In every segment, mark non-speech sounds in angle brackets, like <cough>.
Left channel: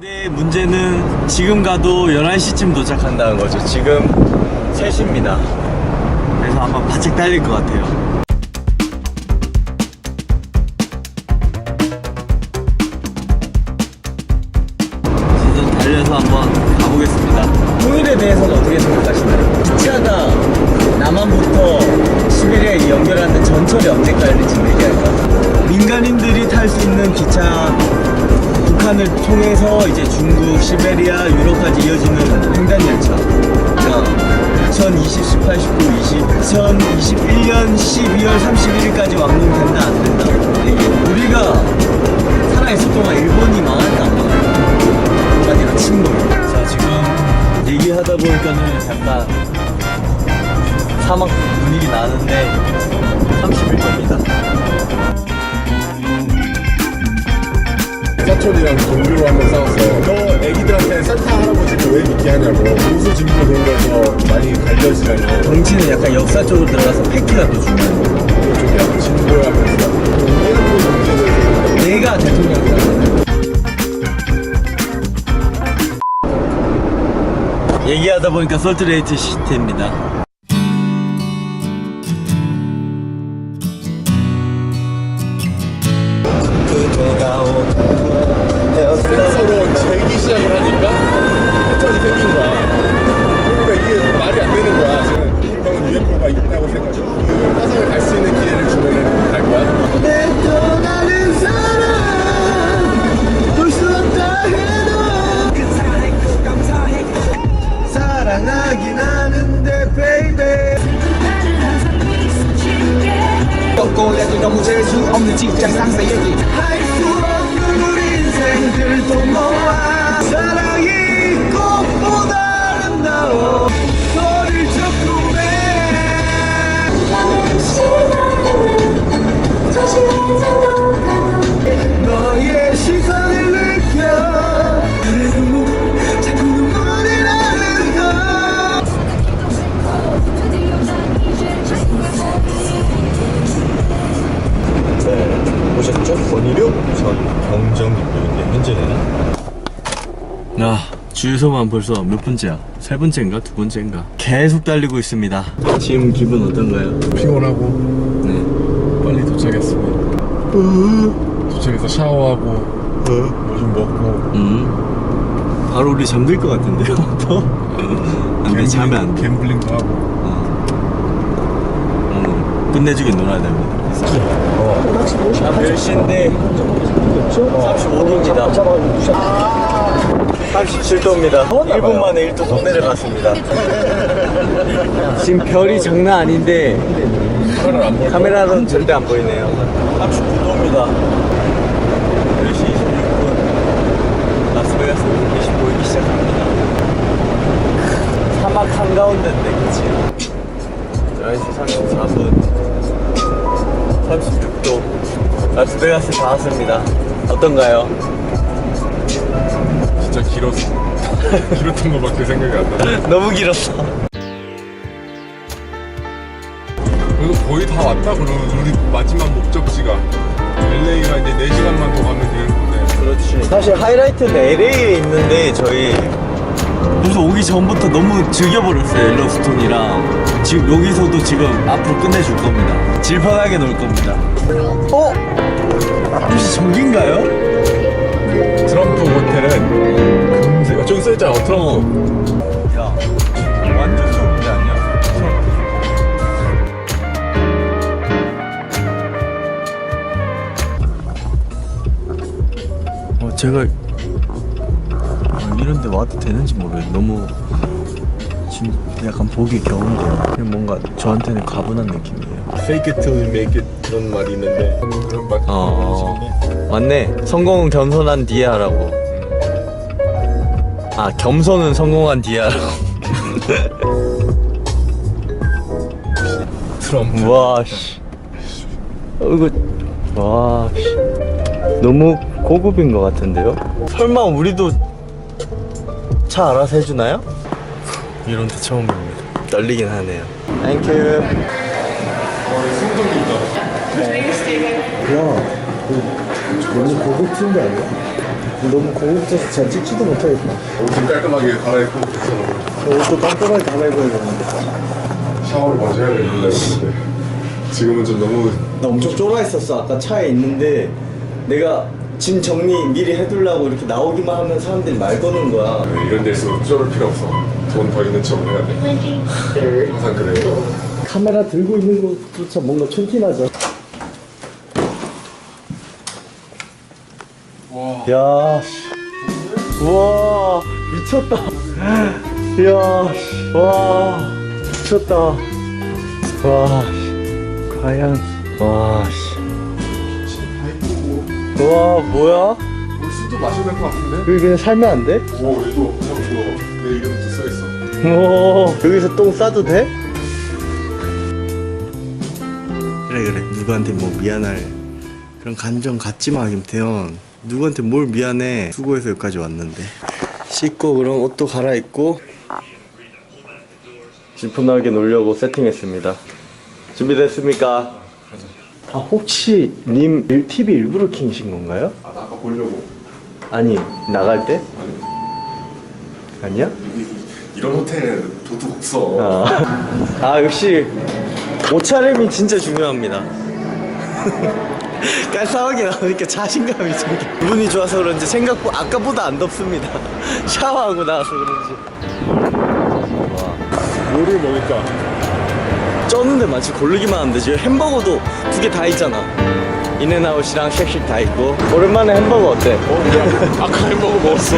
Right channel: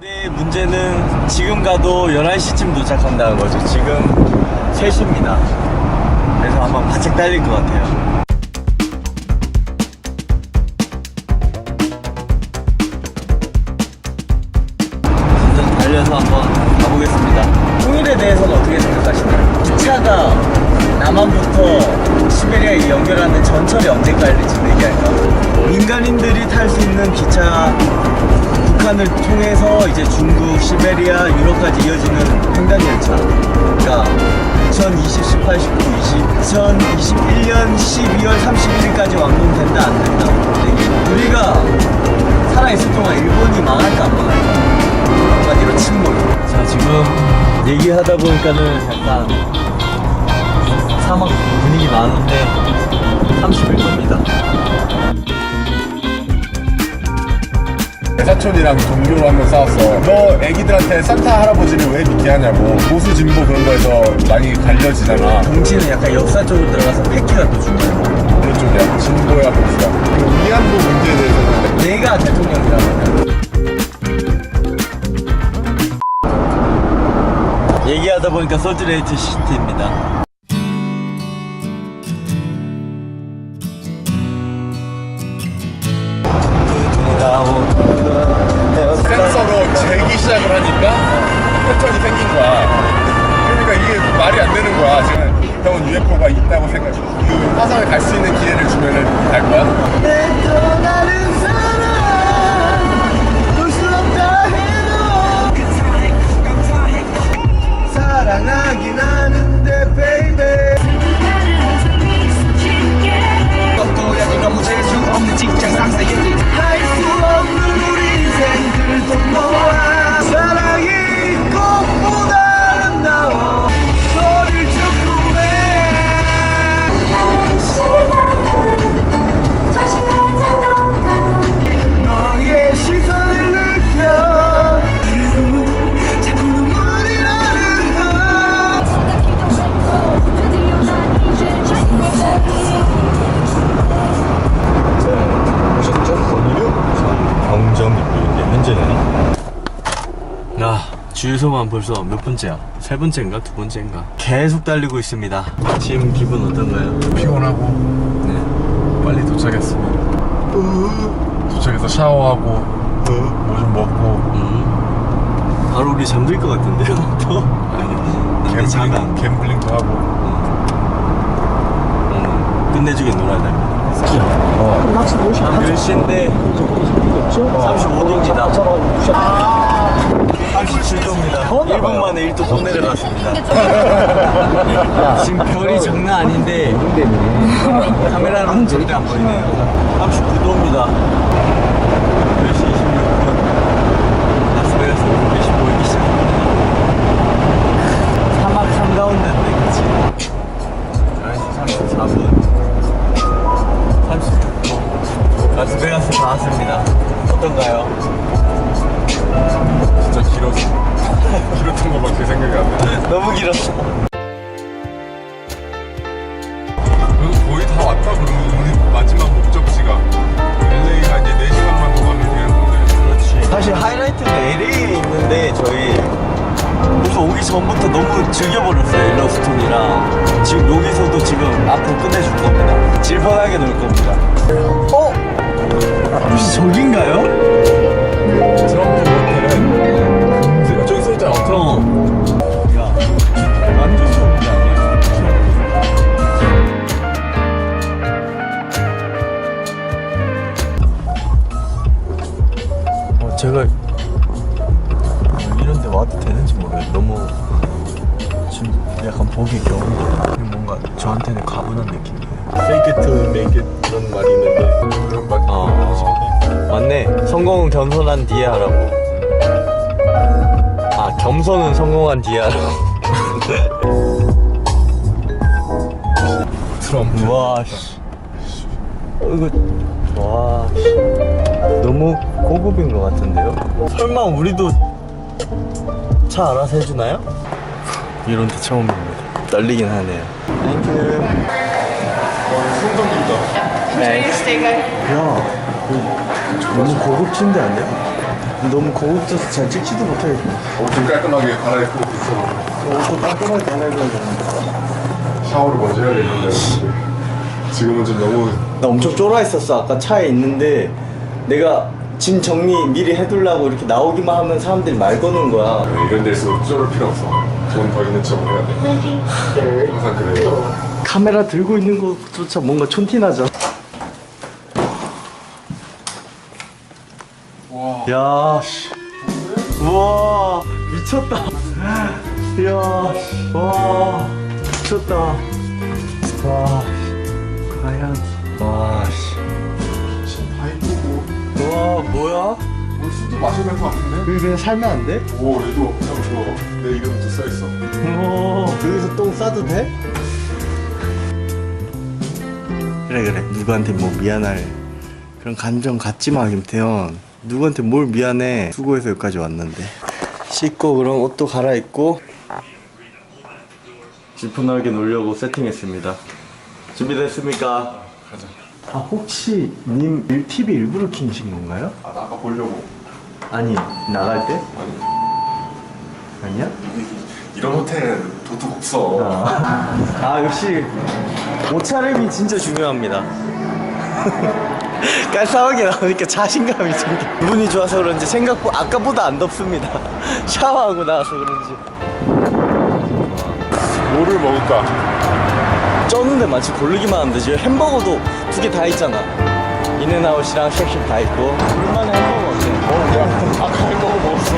근데 문제는 지금 가도 11시쯤 도착한다는 거죠. 지금 3시입니다. 그래서 아마 바짝 달릴 것 같아요. 18, 19, 20, 2021년 12월 31일까지 완공된다 안 된다. 우리가 살아있을 동안 일본이 망할까 안 망할까? 한마디로 침몰. 자 지금 얘기하다 보니까는 약간 사막 분위기 나는데 31도입니다. 사촌이랑 동교로 한번 싸웠어. 너 애기들한테 산타 할아버지를 왜 믿게 하냐고. 보수 진보 그런 거에서 많이 갈려지잖아. 정치는 약간 역사 쪽으로 들어가서 패기가 또 중요해요. 그런 쪽이야. 진보야 보수야. 문제에 대해서 내가 대통령이라면 얘기하다 보니까 솔트레이트 시티입니다. UFO가 있다고 생각해. 그 화성에 갈 수 있는 기회를 주면은 갈 거야? 내 떠나는 사람 볼수 없다 해도 사랑하긴 하는데 baby 꺾고야지 너무 재수 없는 직장 상사 얘기 아 주유소만 벌써 몇 번째야? 세 번째인가? 두 번째인가? 계속 달리고 있습니다 지금 기분 어떤가요? 피곤하고 네 빨리 도착했습니다. 도착해서 샤워하고 뭐좀 먹고 음. 바로 우리 잠들 것 같은데요? 더? 근데 자면 안 돼. 갬블링도 하고 음. 끝내주게 놀아야 됩니다 한 10시인데 35도입니다 37도입니다. 1분 만에 1도 또 내려갔습니다. 지금 별이 장난 아닌데 카메라로는 절대 안 보이네요. 39도입니다. 10시 26분. 라스베가스 불빛이 보이기 시작합니다. 사막 한가운데인데 그치? 11시 34분. 36도. 라스베가스 다 왔습니다. 어떤가요? 진짜 길었어. <laughs> 길었던 거밖에 생각이 안 나. 너무 길었어 그래서 거의 다 왔다 그러면 우리 마지막 목적지가 LA가 이제 4시간만 더 가면 되는 건데 그렇지 사실 하이라이트는 LA에 있는데 저희 우선 오기 전부터 너무 즐겨버렸어요 일러스톤이랑 지금 여기서도 지금 앞으로 끝내줄 겁니다 질펀하게 놀 겁니다 어? 혹시 저긴가요? 저한테는 가분한 느낌이에요. fake it till you make it 그런 말이 있는데 그런 말 아, 맞네. 성공은 겸손한 뒤에 하라고. 아, 겸손은 성공한 뒤에 하라고. <laughs> 트럼프 와, 씨. 어, 이거, 와, 씨. 너무 고급인 것 같은데요? 설마 우리도 차 알아서 해주나요? 이런 데 처음입니다. 떨리긴 하네요. 땡큐. 승동입니다 네. 야, 그 너무 고급진데 아니야? 너무 고급져서 잘 찍지도 못하겠다. 옷좀 깔끔하게 갈아입고 저 옷도 깔끔하게 갈아입어야겠는데. 샤워를 먼저 해야 되는데 지금은 좀 너무 나 엄청 쫄아 있었어. 아까 차에 있는데 내가 짐 정리 미리 해두려고 이렇게 나오기만 하면 사람들이 말 거는 거야. 이런 데서 쫄을 필요 없어 돈 더 있는 척을 해야 돼 항상 그래요 카메라 들고 있는 것조차 뭔가 촌티나죠. 와 야, 씨. 우와, 미쳤다. 이야, 씨. 와, 미쳤다. 와, 씨. 과연, 와, 씨. 다 이쁘고 와, 뭐야? 오늘 술도 마셔야 될 것 같은데? 여기 그냥 살면 안 돼? 오 얘도 형 이거 내 이름도 써있어 오, 여기서 똥 싸도 돼? 그래 그래 누구한테 뭐 미안할 그런 감정 갖지 마 김태현 누구한테 뭘 미안해 수고해서 여기까지 왔는데 씻고 그럼 옷도 갈아입고 질펀하게 놀려고 세팅했습니다 준비됐습니까? 가자 아 혹시 님 일- TV 일부러 켜신 건가요? 아 나 아까 보려고 아니 나갈 때? 아니 아니야? 이- 이런 호텔은 도둑 없어 아, 아 역시 옷차림이 진짜 중요합니다. <laughs> 깔쌈하게 나오니까 자신감이 생겨. 기분이 좋아서 그런지 생각보다 아까보다 안 덥습니다. <laughs> 샤워하고 나와서 그런지. 좋아. 뭐를 먹을까? 쩌는데 마치 고르기만 하면 되지. 햄버거도 두 개 다 있잖아. 인앤아웃이랑 쉑쉑 다 있고. 오랜만에 햄버거 어때? 어 그냥 아까 햄버거 먹었어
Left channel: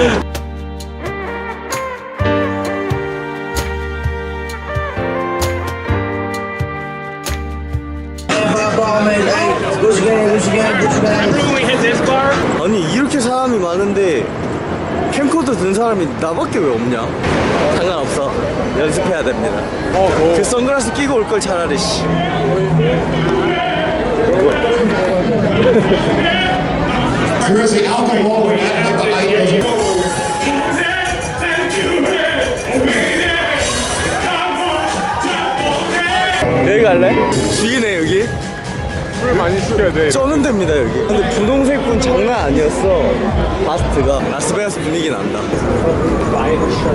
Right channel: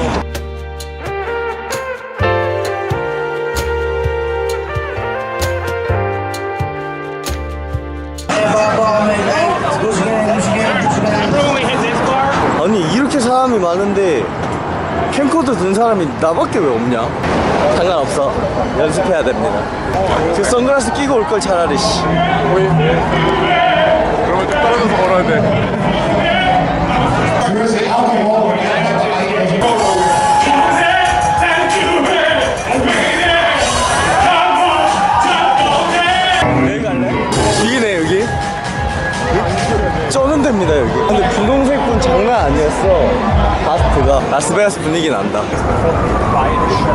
사람이 많은데 캠코더 든 사람이 나밖에 왜 없냐? 상관없어 연습해야 됩니다 그 선글라스 끼고 올 걸 차라리 씨. 그럼 떨어져서 걸어야 돼 쩌는 데입니다 여기. 근데 분홍색 분 장난 아니었어. 바스트가. 라스베가스 분위기 난다.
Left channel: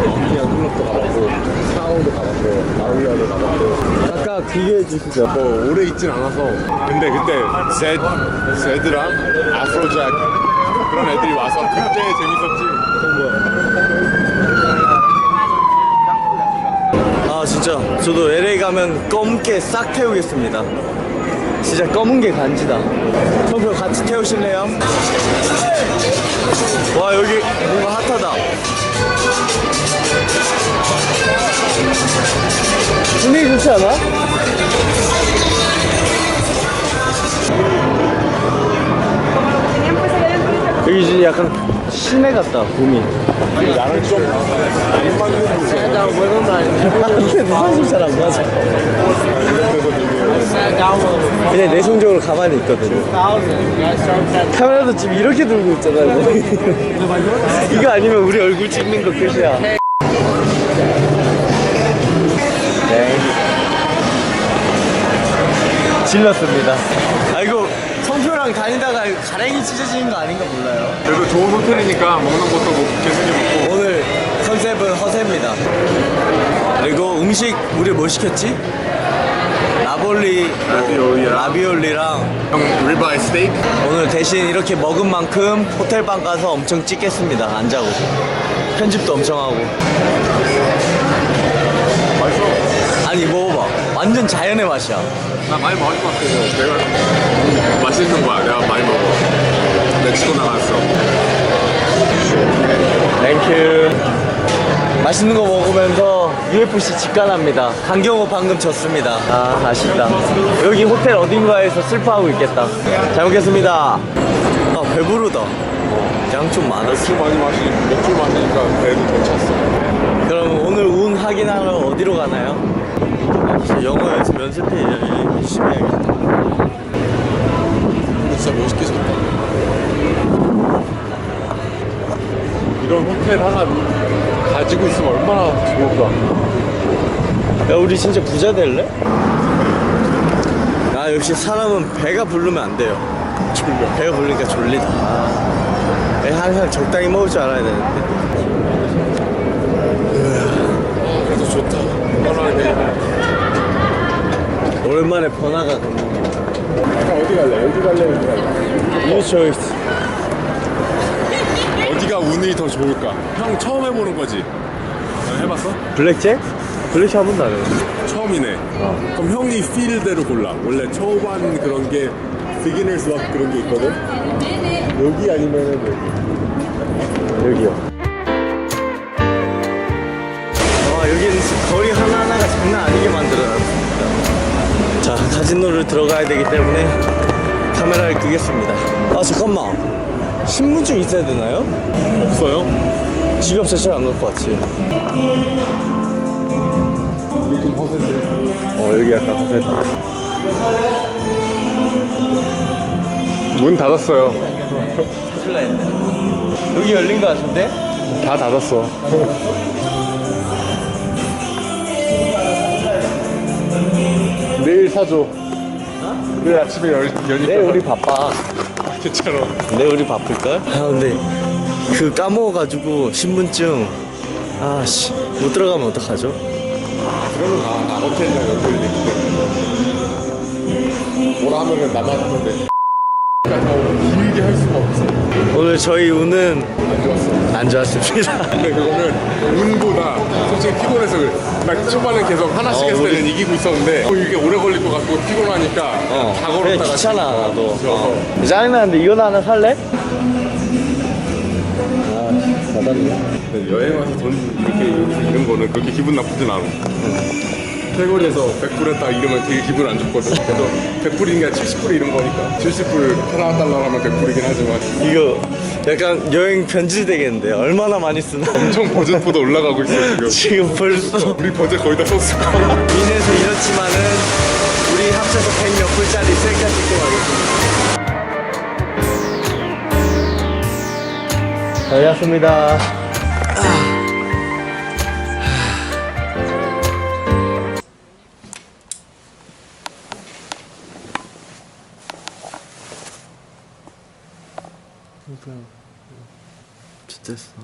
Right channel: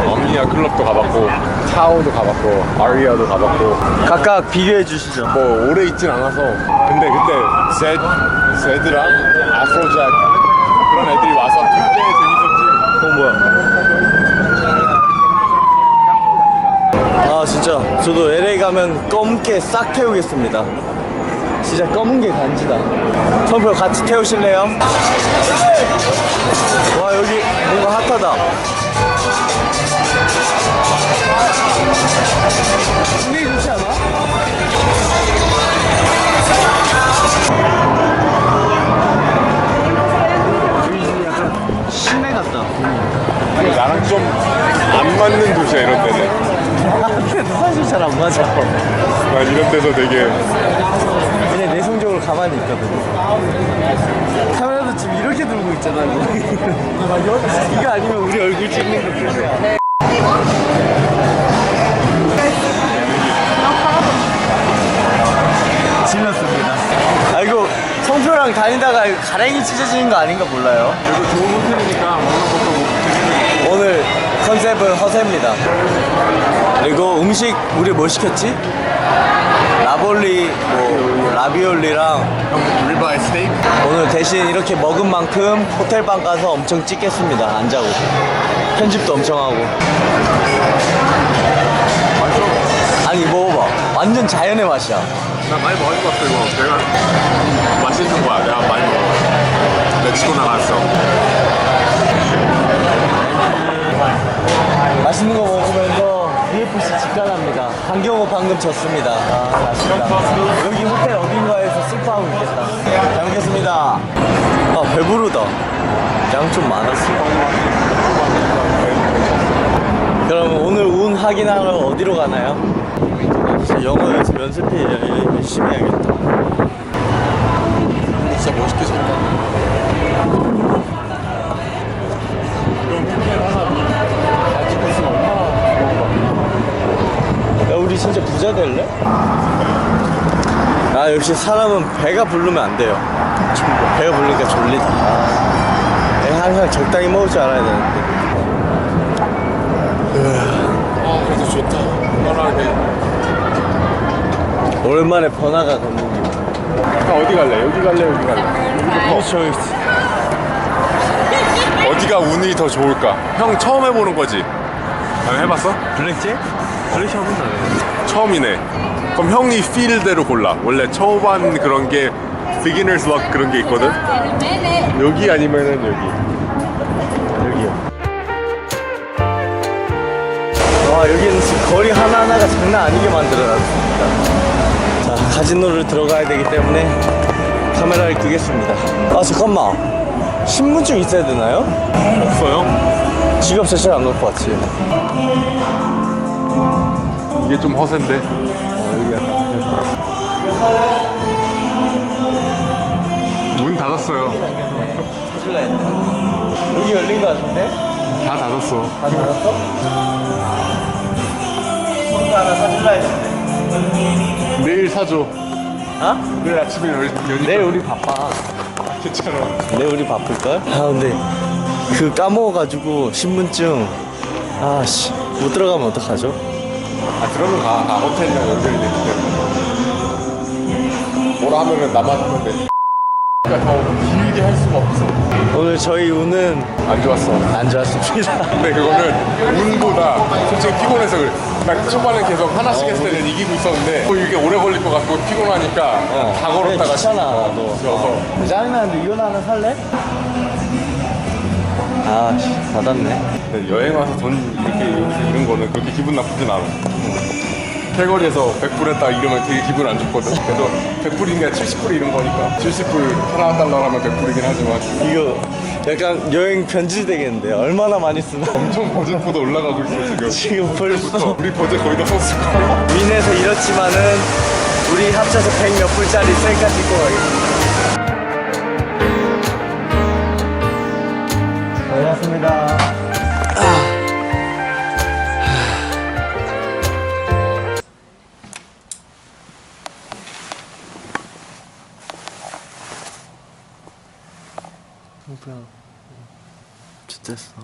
어미야 클럽도 가봤고 차오도 가봤고 아리아도 가봤고. 각각 비교해 주시죠. 뭐 오래 있진 않아서. 근데 그때 제, 제드랑 아프로잭 그런 애들이 와서 그때 재밌었지. 어 뭐야? 아 진짜. 저도 LA 가면 검게 싹 태우겠습니다 진짜 검은 게 간지다 선표 같이 태우실래요? 와 여기 뭔가 핫하다 분위기 좋지 않아? 여기 이제 약간 시내 같다 봄이 나랑 좀 안 맞는 곳이야 이런 데는 <laughs> 나한테도 사실 잘 안 맞아. 나 이런 데서 되게 그냥 내성적으로 가만히 있거든요. 카메라도 지금 이렇게 들고 있잖아 이거. <laughs> 이거 아니면 우리 얼굴 찍는 거 끝이야. 네. 질렀습니다. 아 이거 성표랑 다니다가 가랭이 찢어지는 거 아닌가 몰라요 그래도 좋은 호텔이니까 먹는 것도 뭐 재밌게 먹고 오늘 컨셉은 허세입니다. 그리고 음식 우리 뭐 시켰지? 라볼리, 뭐 라비올리랑 형 리바이 스테이크 오늘 대신 이렇게 먹은 만큼 호텔방 가서 엄청 찍겠습니다. 안 자고 편집도 엄청 하고. 맛있어 아니 먹어봐. 완전 자연의 맛이야. 나 많이 먹을 것 같아 이거 내가 맛있는 거야 내가 많이 먹어 멕시코 나갔어 땡큐. 맛있는 거 먹으면서 UFC 직관합니다. 강경호 방금 졌습니다. 아, 아쉽다. 여기 호텔 어딘가에서 슬퍼하고 있겠다. 잘 먹겠습니다. 아, 배부르다. 양 좀 많았어. 많이 마시 맥주 마시니까 배도 괜찮았어 그럼 오늘 운 확인하러 어디로 가나요? 영어 연습 연습해 열심히 해야겠다. 진짜 멋있게 졌다 이런 호텔 하나 가지고 있으면 얼마나 좋을까 야 우리 진짜 부자 될래? 아 역시 사람은 배가 부르면 안 돼요. 배가 부르니까 졸리다. 아, 항상 적당히 먹을 줄 알아야 되는데. 아 그래도 좋다 편하게 오랜만에 번화가 감독님. 어디 갈래? 여기 갈래? 여기 갈래? 이 초이스. 어디가 운이 더 좋을까? 형 처음 해보는 거지? 아, 해봤어? 블랙잭? 블랙잭 한 번도 안 해봤는데. 처음이네. 그럼 형이 필대로 골라. 원래 초반 그런 게 beginner's luck 그런 게 있거든. 여기 아니면은 여기. 여기요. 와 여기는 거리 하나하나가 장난 아니게 만들어놨습니다. 자 카지노를 들어가야 되기 때문에 카메라를 끄겠습니다. 아 잠깐만 신분증 있어야 되나요? 없어요? 지갑 자체를 안 놓고 왔지. 이게 좀 허세인데. 어 여기 약간 문 닫았어요. 사줄라 했네. 여기 열린 거 같은데? 다 닫았어. 하나 내일 사줘. 어? 내일 아침에 열, 여니까. 내일 우리 바빠. 괜찮아. 내일 우리 바쁠걸? 아 근데 그 까먹어가지고 신분증 아씨 못 들어가면 어떡하죠? 아 들어는 가. 아, 호텔이랑 연결이 되기 때문에. 뭐라 하면은 나만 하면 돼. 그러니까 더 길게 할 수가 없어. 오늘 저희 운은 안 좋았어. 안 좋았습니다. <laughs> 근데 그거는 운보다 솔직히 피곤해서 그래. 나 초반에 계속 하나씩 어, 했을 때는 우리- 이기고 있었는데 어, 이게 오래 걸릴 것 같고 피곤하니까 다 그래, 걸었다가 귀찮아 나도. 어. 짜증나는데 이거나 하나 살래? 아. 근데 여행 와서 돈 이렇게 여기서 잃은 거는 그렇게 기분 나쁘진 않아. 팔거리에서 100불 했다 이러면 되게 기분 안 좋거든. 그래도 100불인 게 70불 잃은 거니까. 70불 캐나다 달러 하면 100불이긴 하지만 이거 약간 여행 편지 되겠는데 얼마나 많이 쓰나? 엄청 버젯보다 올라가고 있어 지금. <laughs> 지금 벌써 우리 버젯 거의 다 썼을 거야. <laughs> 민에서 이렇지만은 우리 합쳐서 100 몇 불짜리 셀카 찍고 가겠습니다. 잘렸습니다. 좋댔어.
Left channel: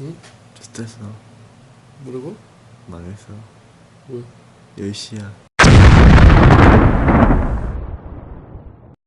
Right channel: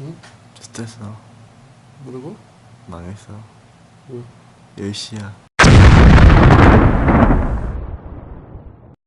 응? 좋댔어. 뭐라고? 망했어. 왜? 10시야.